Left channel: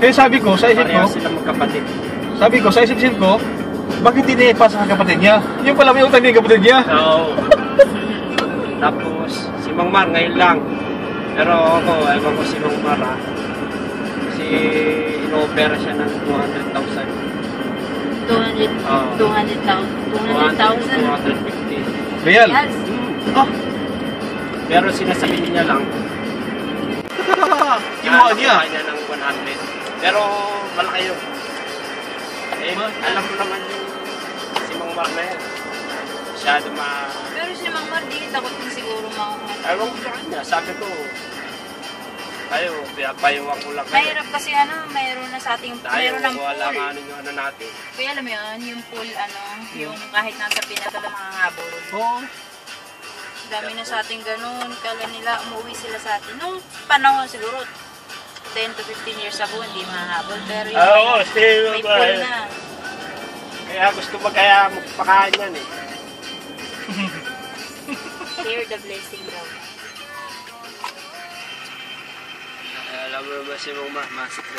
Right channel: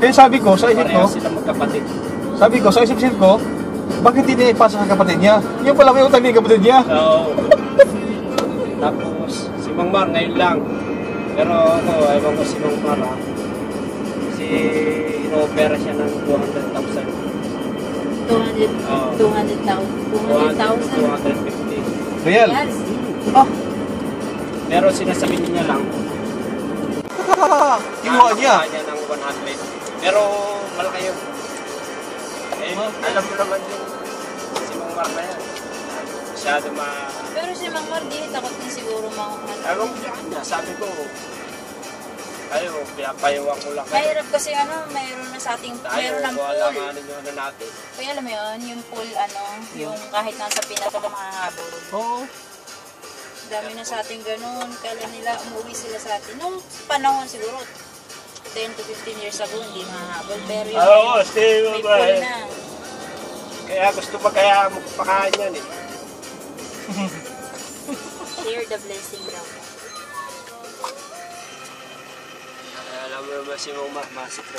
Kaya sabi ko, sa isip ko, Pareha sila magkapatid. sabi ko, sa isip ko, bakit hindi ipasa sa kapatid niya? Yung pala may utang din yung kapatid niya. So, tapos, si Mang Mar ngayon lang. Pero ako, ewan ko si Mang Mar ha. Kasi ino-opera siya ng 200,000. 200,000. 250. Real. Yes. Ah, Pero sinasabi niya lang, kinuha niya. niya ng 100. Pero malaki yun. Eh, alam mo naman yung si Mang Mar na yan. Masyado Pero si Mang Mar, di takot na siguro mga Ewan ko sa kanya, sabi ko, ayo, pinapayawang ko lang. Mahirap kasi mayroon na sa ating, Tayo, mayroon ng wala pool. nga ano yung ano natin. Kaya alam mo yun, yung pool, yung kahit nasa pinaka na mga ngabol. Oo. Dami na sa ating ganun, kala nila umuwi sila sa atin. Nung panahon siguro, 10 to 15 years ago, hindi mahabol. Pero yung Oo, may pool na. Kaya gusto kaya magpakain yan eh. Share the blessing daw. Alam mo ba si Mang Mar, masikreto.